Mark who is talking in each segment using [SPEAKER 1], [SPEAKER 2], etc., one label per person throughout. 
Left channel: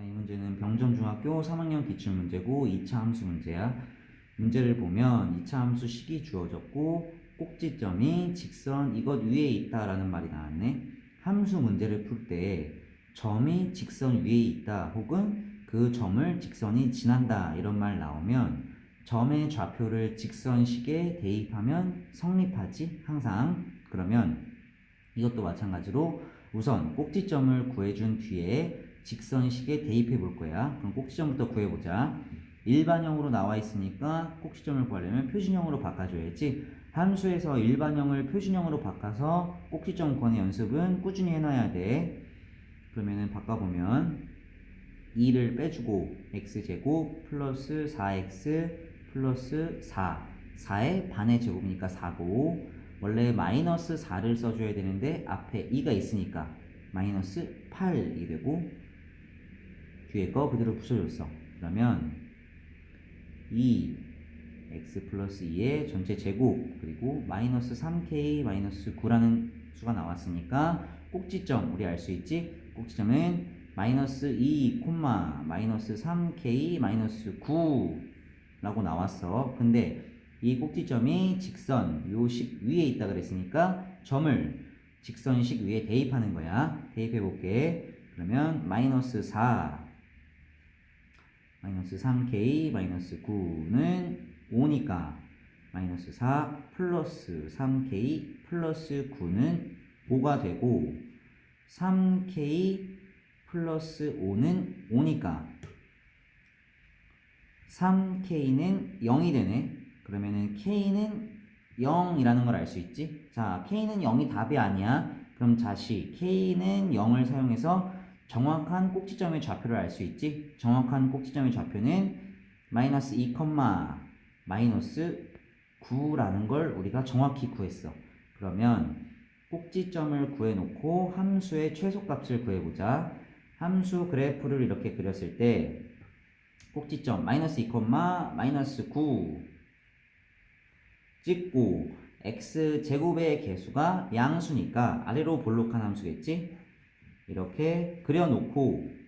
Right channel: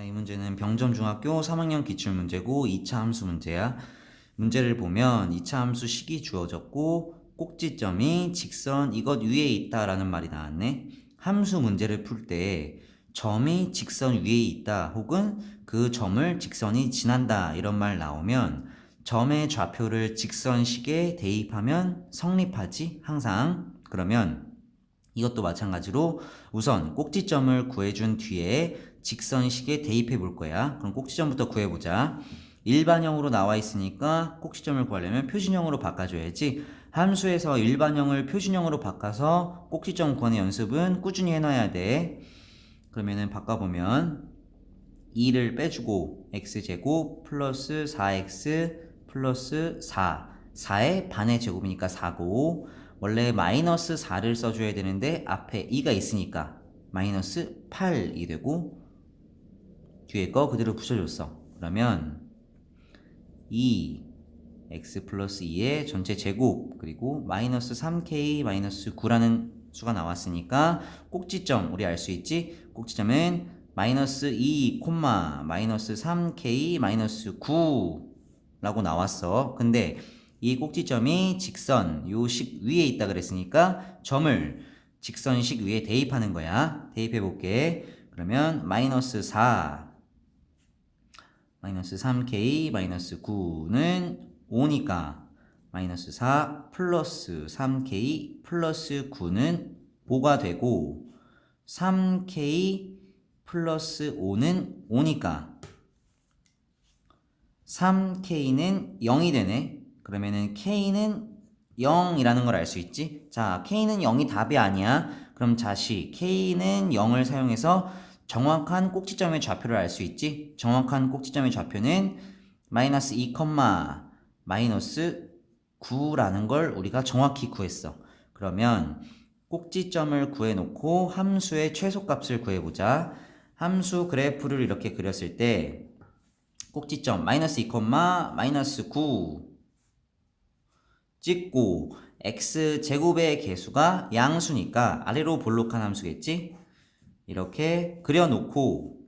[SPEAKER 1] 자, 이 문제는 병점중학교 3학년 기출문제고 2차 함수 문제야. 문제를 보면 2차 함수 식이 주어졌고 꼭지점이 직선 이것 위에 있다라는 말이 나왔네. 함수 문제를 풀 때 점이 직선 위에 있다 혹은 그 점을 직선이 지난다 이런 말 나오면 점의 좌표를 직선식에 대입하면 성립하지 항상 그러면 이것도 마찬가지로 우선 꼭지점을 구해준 뒤에 직선식에 대입해 볼 거야. 그럼 꼭지점부터 구해보자. 일반형으로 나와 있으니까 꼭지점을 구하려면 표준형으로 바꿔줘야지. 함수에서 일반형을 표준형으로 바꿔서 꼭지점 구하는 연습은 꾸준히 해놔야 돼. 그러면은 바꿔보면 2를 빼주고 x제곱 플러스 4x 플러스 4 4의 반의 제곱이니까 4고 원래 마이너스 4를 써줘야 되는데 앞에 2가 있으니까 마이너스 8이 되고 뒤에 거 그대로 붙여줬어. 그러면 2 x 플러스 2의 전체 제곱 그리고 마이너스 3k 마이너스 9라는 수가 나왔으니까 꼭지점 우리 알 수 있지? 꼭지점은 마이너스 2 콤마 마이너스 3k 마이너스 9 라고 나왔어. 근데 이 꼭지점이 직선 요식 위에 있다 그랬으니까 점을 직선식 위에 대입하는 거야. 대입해 볼게. 그러면 마이너스 4 마이너스 3k 마이너스 9는 5니까 마이너스 4 플러스 3k 플러스 9는 5가 되고 3k 플러스 5는 5니까 3k는 0이 되네 그러면은 k는 0이라는 걸 알 수 있지? 자 k는 0이 답이 아니야. 그럼 다시 k는 0을 사용해서 정확한 꼭지점의 좌표를 알 수 있지? 정확한 꼭지점의 좌표는 마이너스 2, 마이너스 9라는 걸 우리가 정확히 구했어. 그러면 꼭지점을 구해놓고 함수의 최소값을 구해보자. 함수 그래프를 이렇게 그렸을 때 꼭지점 마이너스 2, 마이너스 9 찍고 x 제곱의 개수가 양수니까 아래로 볼록한 함수겠지? 이렇게 그려놓고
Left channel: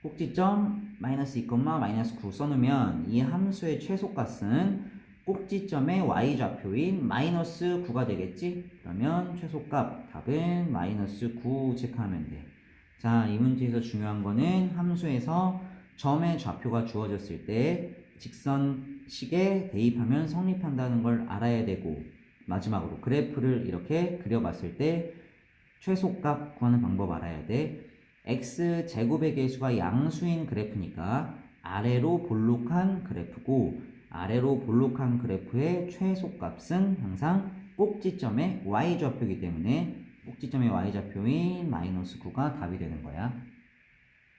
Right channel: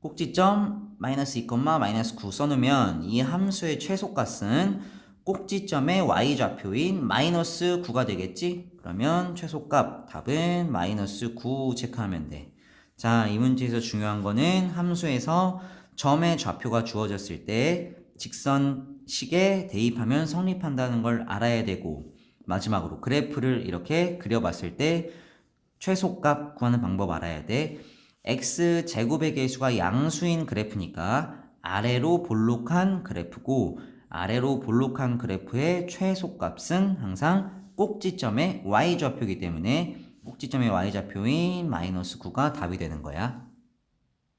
[SPEAKER 1] 꼭지점 마이너스 2, 마이너스 9 써놓으면 이 함수의 최소값은 꼭지점의 y좌표인 마이너스 9가 되겠지? 그러면 최소값 답은 마이너스 9 체크하면 돼. 자, 이 문제에서 중요한 거는 함수에서 점의 좌표가 주어졌을 때 직선식에 대입하면 성립한다는 걸 알아야 되고 마지막으로 그래프를 이렇게 그려봤을 때 최소값 구하는 방법 알아야 돼. x 제곱의 개수가 양수인 그래프니까 아래로 볼록한 그래프고 아래로 볼록한 그래프의 최소값은 항상 꼭지점의 y좌표이기 때문에 꼭지점의 y좌표인 마이너스 9가 답이 되는 거야.